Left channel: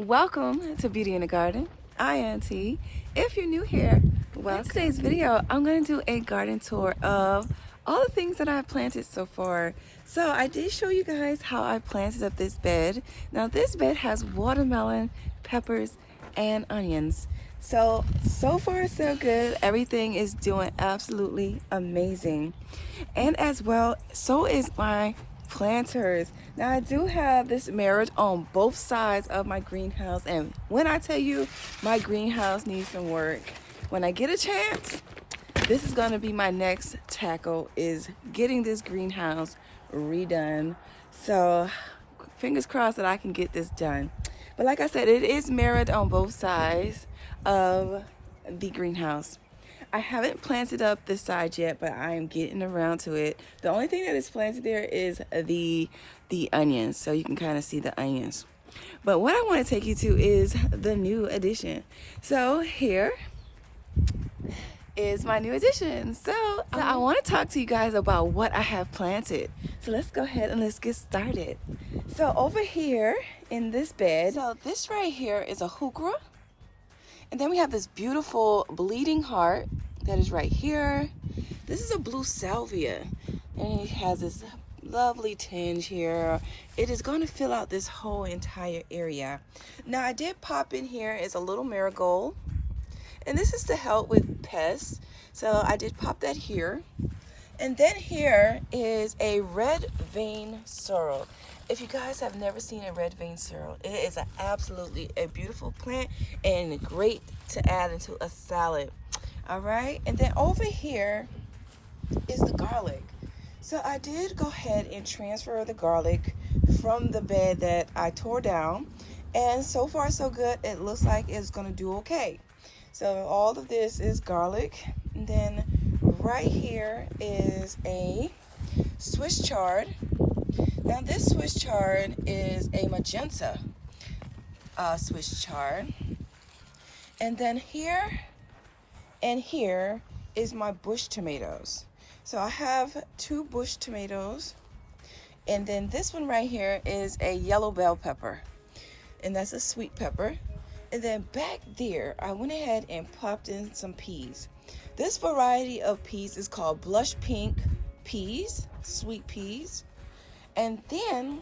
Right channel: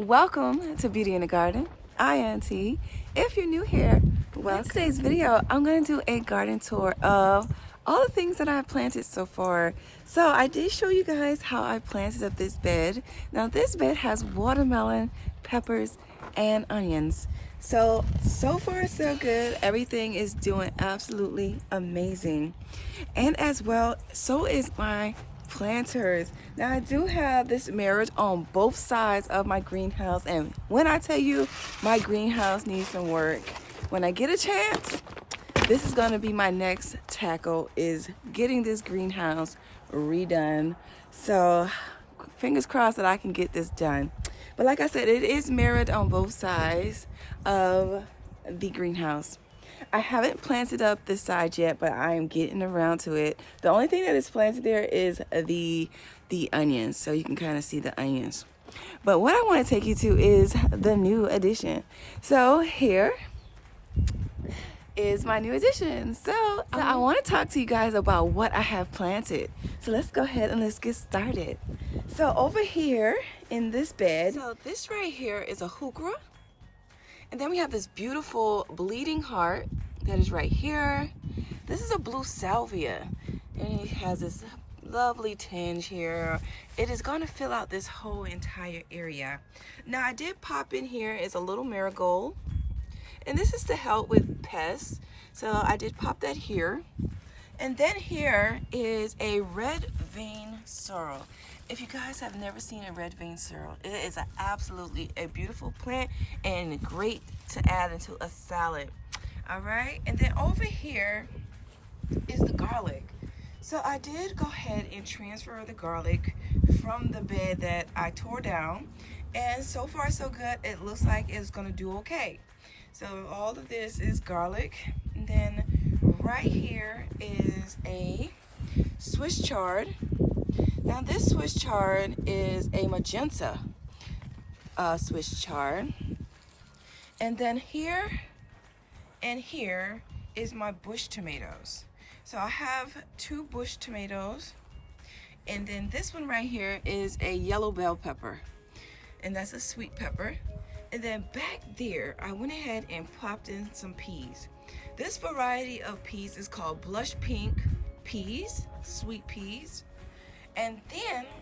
Welcome to Beauty in the Garden. I am T. If you're new here, well, in today's video, I'm going to do a garden tour of all the things that I've planted so far. So I did show you guys how I planted up this bed. Now this bed has watermelon, peppers, and onions. So far so good. Everything is doing absolutely amazing. And as well, so is my planters. Now I do have this mirrored on both sides of my greenhouse, and when I tell you my greenhouse needs some work, when I get a chance, this is going to be my next tackle, is getting this greenhouse redone. So fingers crossed that I can get this done. But like I said, it is mirrored on both sides of the greenhouse. I haven't planted up this side yet, but I am getting around to it. The only thing that is planted there is the onions, so you can kind of see the onions. But what I want to take you to is the new addition. So here is my new addition. So I want to talk to you guys about what I have planted. So let's go ahead and let's get started. So over here in this bed, so this right here is a heuchera. And then we have this beautiful bleeding heart that is right here. This is a blue salvia, and it has this lovely tinge here. It is going to fill out this whole entire area. Now I did pop in here is a little marigold, and this is to help with pests. So I did pop that here. And then here is a red vein sorrel. If you guys have never seen a red vein sorrel, it is absolutely a beautiful plant and great to add into a salad. All right, and then over here is the garlic. So I did go ahead and transfer the garlic from the bed that I tore down, and so far so good. It looks like it's gonna do okay. So all of this is garlic. And then right here is a Swiss chard. Now this Swiss chard is a magenta Swiss chard. And then here and here is my bush tomatoes. So I have two bush tomatoes. And then this one right here is a yellow bell pepper. And that's a sweet pepper. And then back there, I went ahead and popped in some peas. This variety of peas is called blush pink peas, sweet peas. And then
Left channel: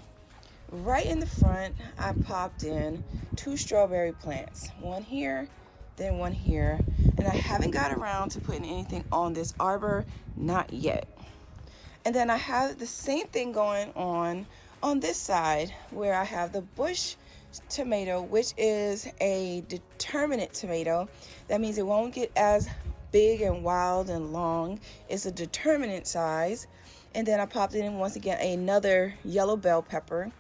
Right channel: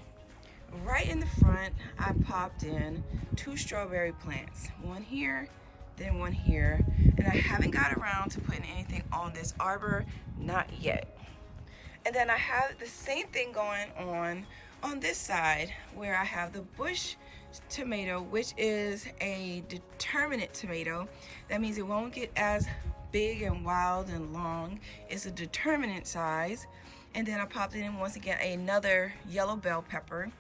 right in the front, I popped in two strawberry plants. One here, then one here. And I haven't got around to putting anything on this arbor, not yet. And then I have the same thing going on this side, where I have the bush tomato, which is a determinate tomato. That means it won't get as big and wild and long. It's a determinate size. And then I popped in once again another yellow bell pepper.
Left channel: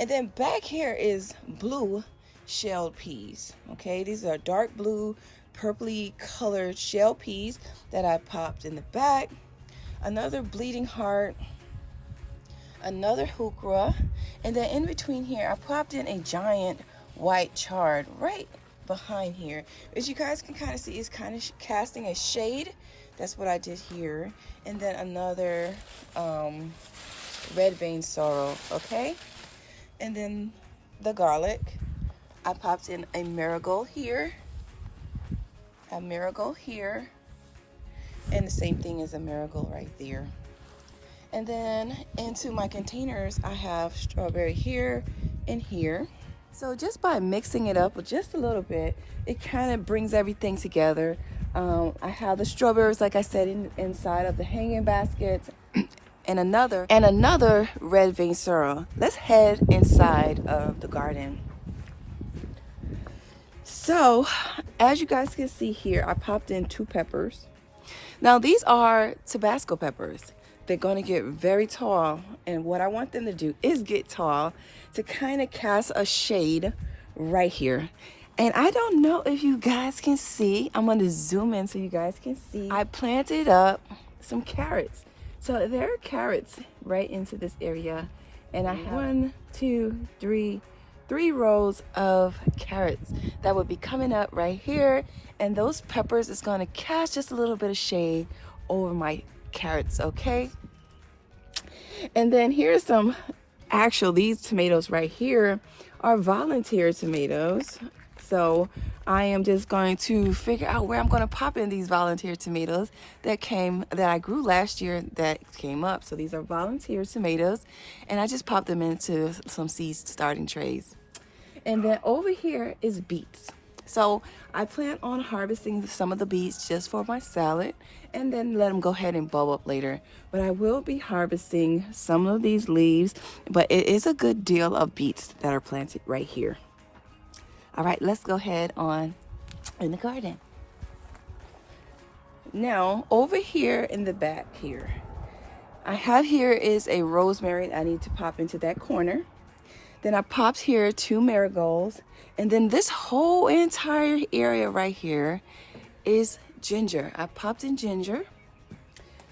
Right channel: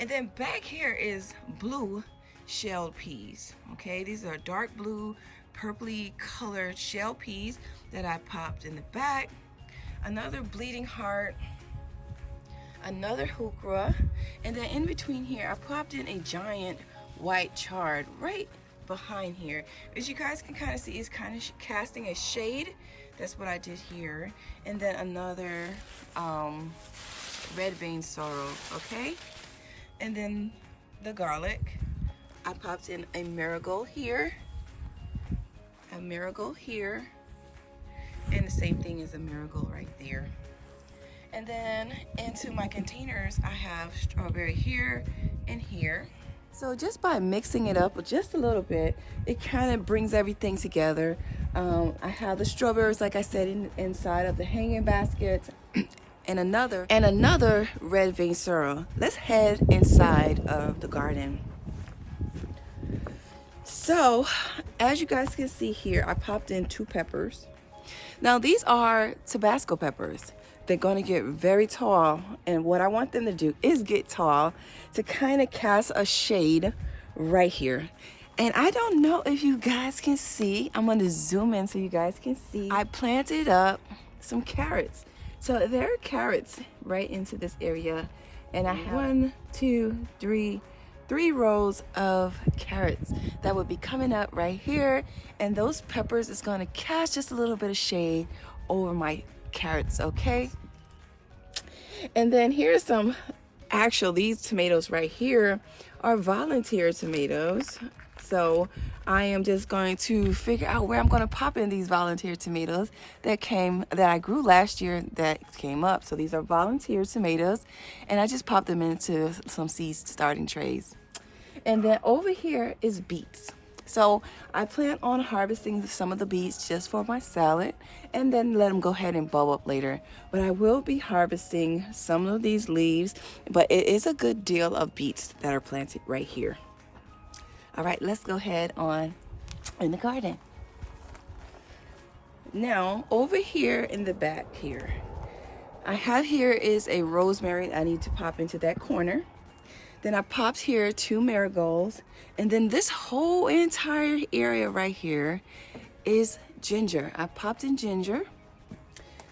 And then back here is blue shelled peas. Okay, these are dark blue, purpley colored shell peas that I popped in the back. Another bleeding heart, another heuchera, and then in between here I popped in a giant white chard right behind here. As you guys can kind of see, it's kind of casting a shade. That's what I did here. And then another red vein sorrel. Okay, and then the garlic, I popped in a marigold here, a marigold here, and the same thing as a marigold right there. And then into my containers, I have strawberry here and here. So just by mixing it up with just a little bit, it kind of brings everything together. I have the strawberries, like I said, inside of the hanging baskets, and another red vein sorrel. Let's head inside of the garden. So as you guys can see here, I popped in two peppers. Now these are Tabasco peppers. They're going to get very tall, and what I want them to do is get tall to kind of cast a shade right here. And I don't know if you guys can see. I'm going to zoom in so you guys can see. I planted up some carrots. So there are carrots right into this area, and I have three rows of carrots that would be coming up right here, and those peppers is going to cast just a little bit of shade over my carrots. Okay, and then here's some these tomatoes right here are volunteer tomatoes. So I am just going to figure out where I'm going to pop in these volunteer tomatoes that I grew last year that came up. So these are volunteer tomatoes, and I just popped them into some seed starting trays. And then over here is beets. So I plan on harvesting some of the beets just for my salad and then let them go ahead and bulb up later. But I will be harvesting some of these leaves, but it is a good deal of beets that are planted right here. All right, let's go ahead on in the garden. Now, over here in the back here, I have here is a rosemary I need to pop into that corner. Then I popped here 2 marigolds. And then this whole entire area right here is ginger. I popped in ginger.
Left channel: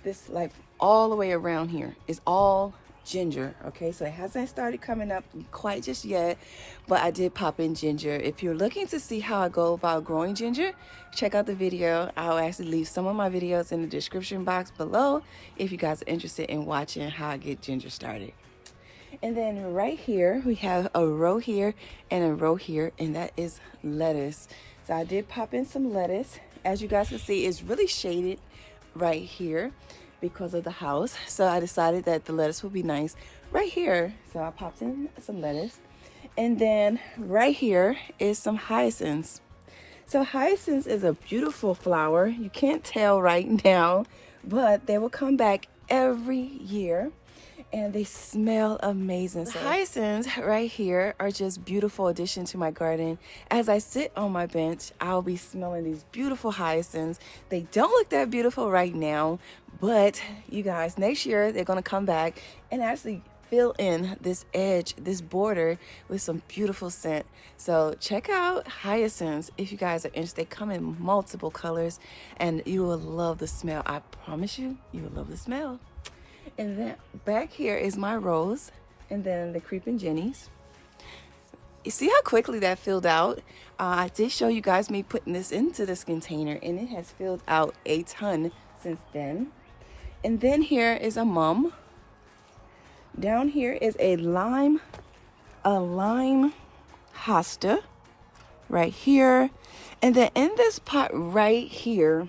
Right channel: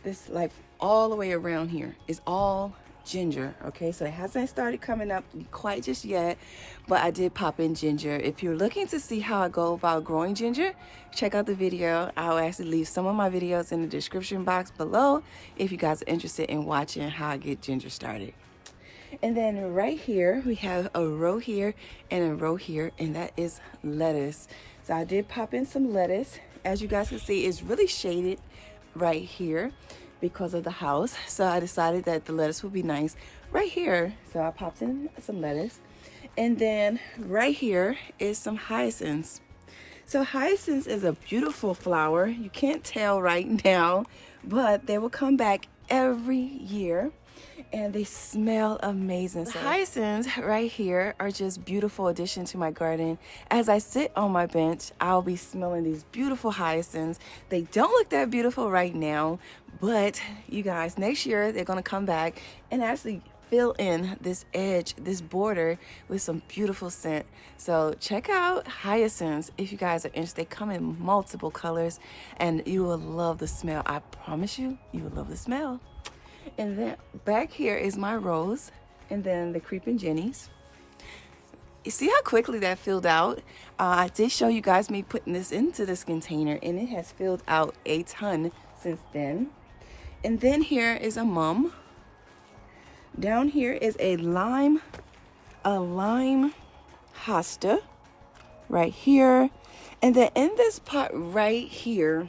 This like all the way around here is all ginger. Okay, so it hasn't started coming up quite just yet, but I did pop in ginger. If you're looking to see how I go about growing ginger, check out the video. I'll actually leave some of my videos in the description box below if you guys are interested in watching how I get ginger started. And then right here we have a row here and a row here, and that is lettuce. So I did pop in some lettuce. As you guys can see, it's really shaded right here because of the house, so I decided that the lettuce would be nice right here. So I popped in some lettuce. And then right here is some hyacinths. So hyacinths is a beautiful flower. You can't tell right now, but they will come back every year and they smell amazing. So hyacinths right here are just beautiful addition to my garden. As I sit on my bench, I'll be smelling these beautiful hyacinths. They don't look that beautiful right now, but you guys, next year they're gonna come back and actually fill in this edge, this border with some beautiful scent. So check out hyacinths if you guys are interested. They come in multiple colors and you will love the smell. I promise you, you will love the smell. And then back here is my rose, and then the creeping jennies. You see how quickly that filled out? I did show you guys me putting this into this container, and it has filled out a ton since then. And then here is a mum. Down here is a lime hosta right here. And then in this pot right here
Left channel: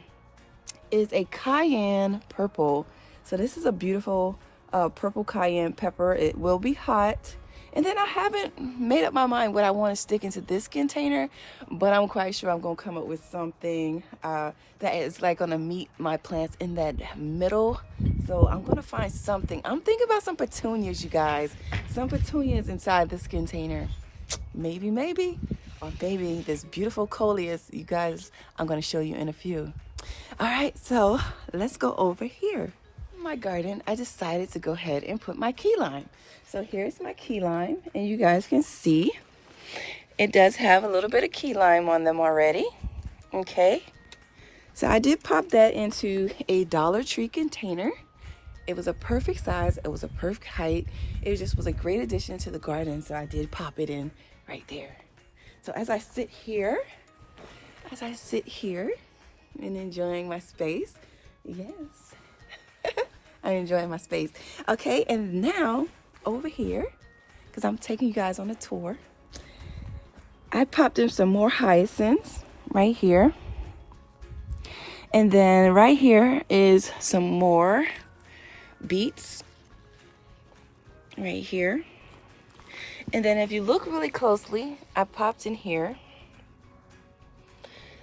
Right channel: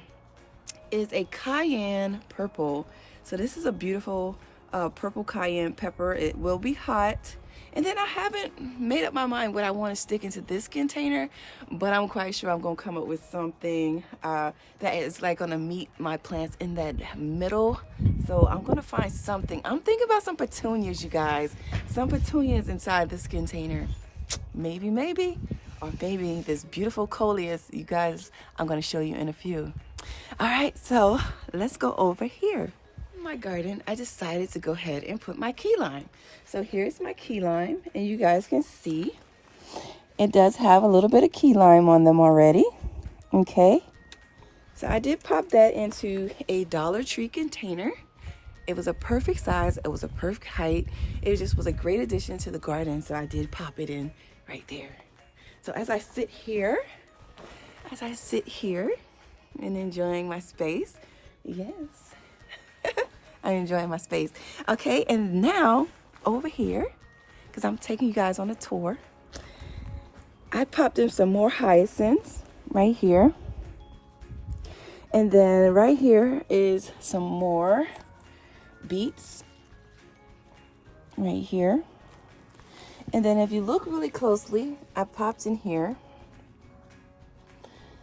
is a cayenne purple. So this is a beautiful purple cayenne pepper. It will be hot. And then I haven't made up my mind what I want to stick into this container, but I'm quite sure I'm going to come up with something that is like going to meet my plants in that middle. So I'm going to find something. I'm thinking about some petunias, you guys. Some petunias inside this container. Maybe. Or maybe this beautiful coleus, you guys, I'm going to show you in a few. All right, so let's go over here. My garden, I decided to go ahead and put my key lime. So here's my key lime, and you guys can see it does have a little bit of key lime on them already. Okay, so I did pop that into a Dollar Tree container. It was a perfect size, it was a perfect height, it just was a great addition to the garden, so I did pop it in right there. So as I sit here and enjoying my space, yes, I'm enjoying my space. Okay, and now over here, because I'm taking you guys on a tour, I popped in some more hyacinths right here. And then right here is some more beets right here. And then if you look really closely, I popped in here.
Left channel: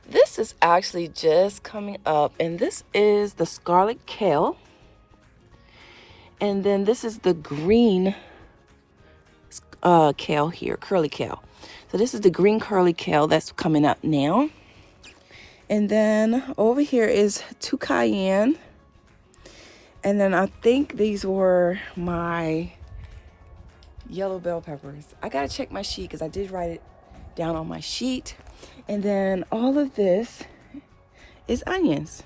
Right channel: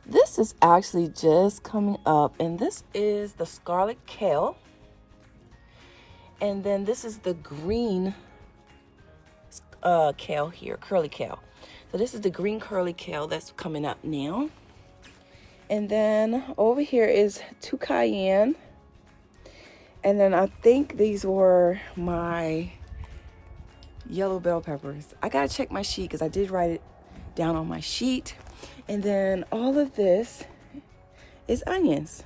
This is actually just coming up, and this is the scarlet kale. And then this is the green kale here, curly kale. So this is the green curly kale that's coming up now. And then over here is 2 cayenne. And then I think these were my yellow bell peppers. I gotta check my sheet because I did write it down on my sheet. And then all of this is onions.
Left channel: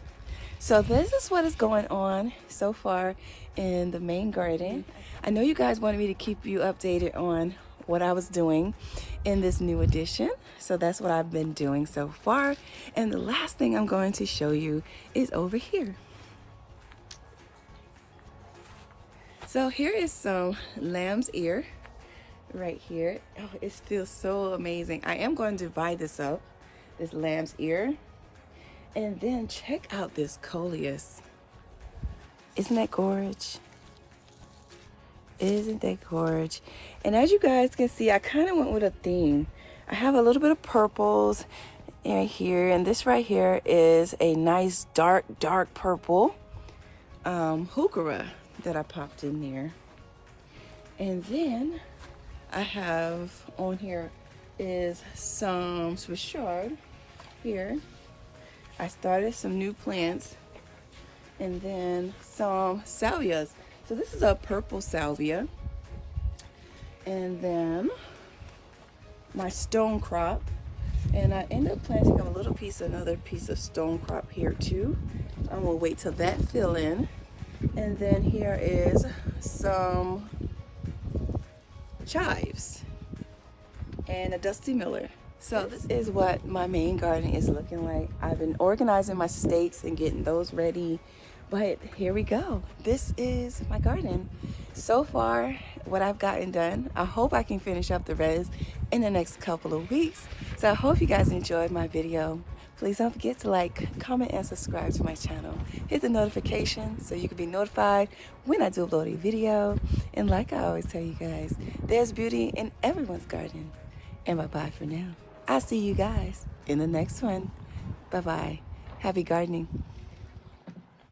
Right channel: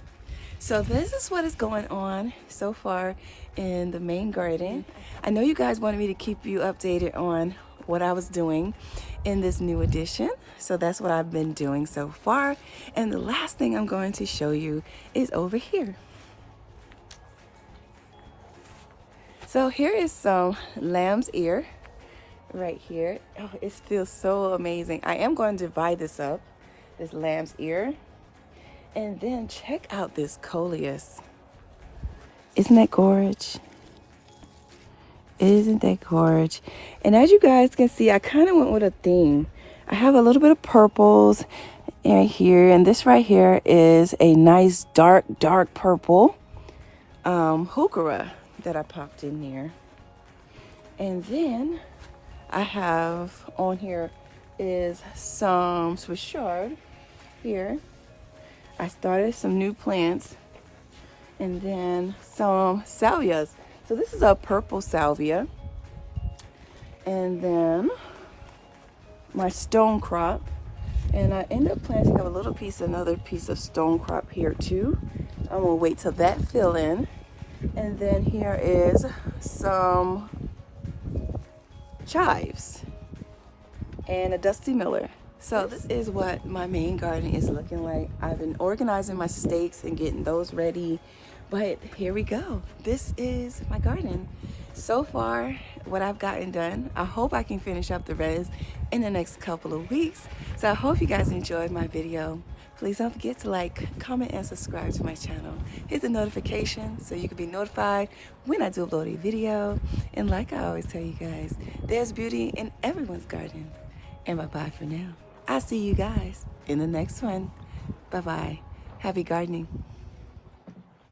So this is what is going on so far in the main garden. I know you guys wanted me to keep you updated on what I was doing in this new addition. So that's what I've been doing so far. And the last thing I'm going to show you is over here. So here is some lamb's ear right here. Oh, it feels so amazing. I am going to divide this up, this lamb's ear. And then check out this coleus. Isn't that gorgeous? Isn't that gorgeous? And as you guys can see, I kind of went with a theme. I have a little bit of purples right here, and this right here is a nice dark purple heuchera that I popped in there. And then I have on here is some Swishard here. I started some new plants, and then some salvias. So this is a purple salvia, and then my stone crop, and I ended up planting a little piece, another piece of stone crop here too. I'm gonna wait till that fill in. And then here is some chives and a Dusty Miller. So this is what my main garden is looking like. I've been organizing my stakes and getting those ready, but here we go. This is my garden. So far, what I've gotten done, I hope I can finish up the rest in the next couple of weeks. So I hope you guys enjoyed my video. Please don't forget to like, comment, and subscribe to my channel. Hit the notification so you can be notified when I do upload a video. And like I always tell you guys, there's beauty in everyone's garden. And bye-bye for now. I'll see you guys in the next one. Bye-bye. Happy gardening.